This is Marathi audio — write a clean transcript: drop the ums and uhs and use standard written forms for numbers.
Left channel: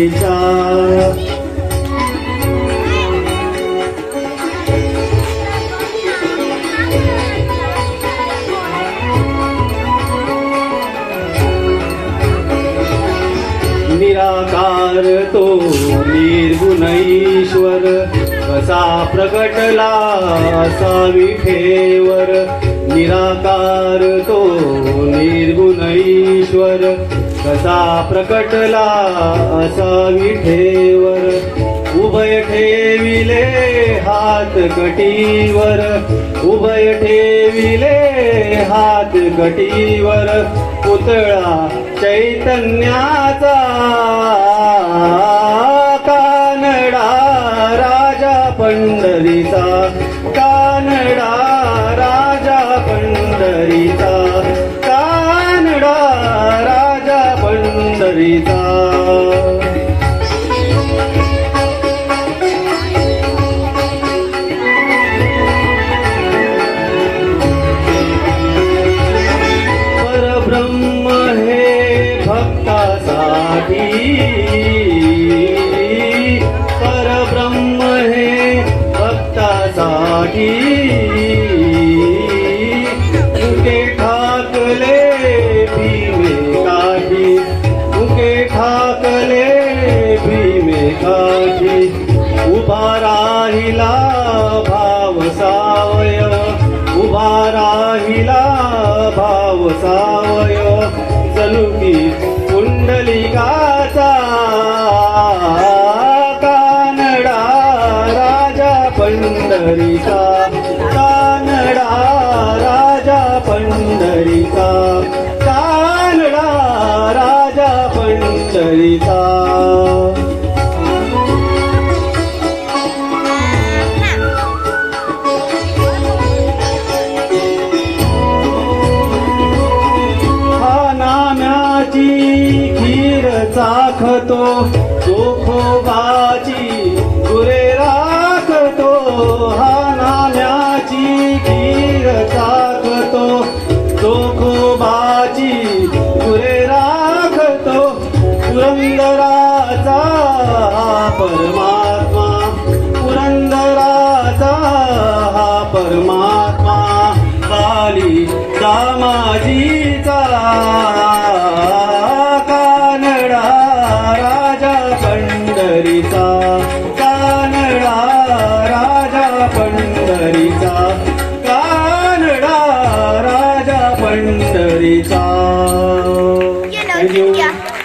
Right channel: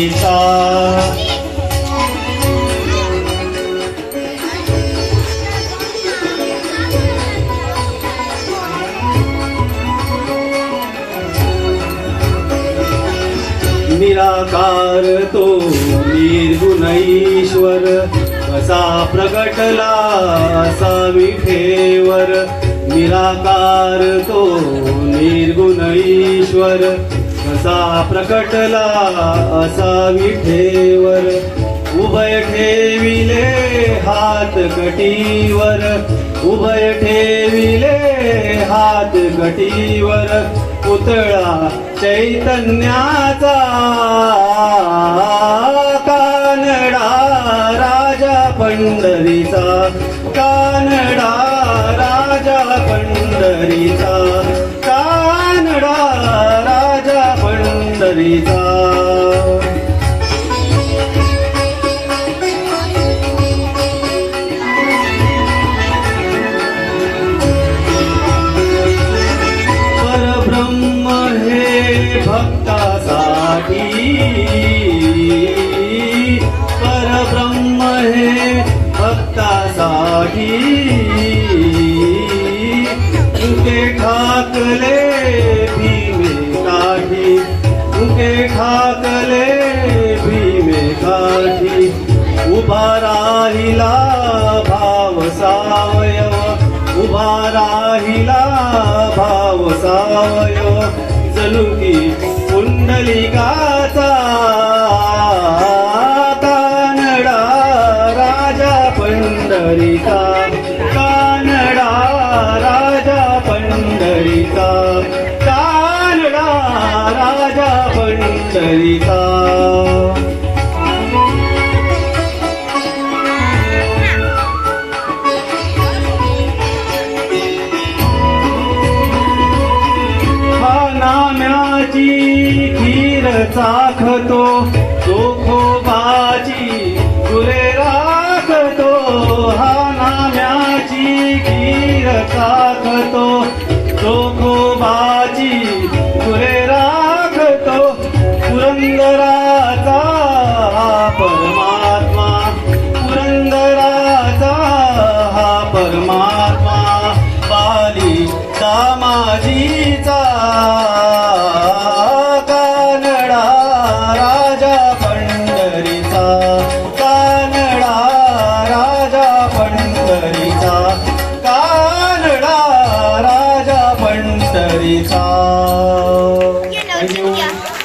पंढरीचा निराकार तो निर्गुण ईश्वर कसा प्रगटला असा विठेवर निराकार तो निर्गुण ईश्वर कसा प्रकटला असा विठेवर उभय ठेविले हात कटीवर उभय ठेविले हात कटीवर पुतळा चैतन्याचा कानडा राजा पंढरीचा कानडा राजा पंढरीचा कानडा राजा पंढरीचा परब्रह्म हे भक्तासाठी तुके ठाकले भीमे काठी तुके ठाकले भीमे काठी उभा राहिला भाव सावयव उभा राहिला भाव सावयव जणू की पुंडलिकाचा कानडा राजा पंढरीचा कानडा राजा पंढरीचा कानडा राजा पंढरीचा खीर चाखतो चोखोबाची गुरे राखतो हा नाम्याची खीर चाखतो चोखोबाची गुरे राखतो पुरंदराचा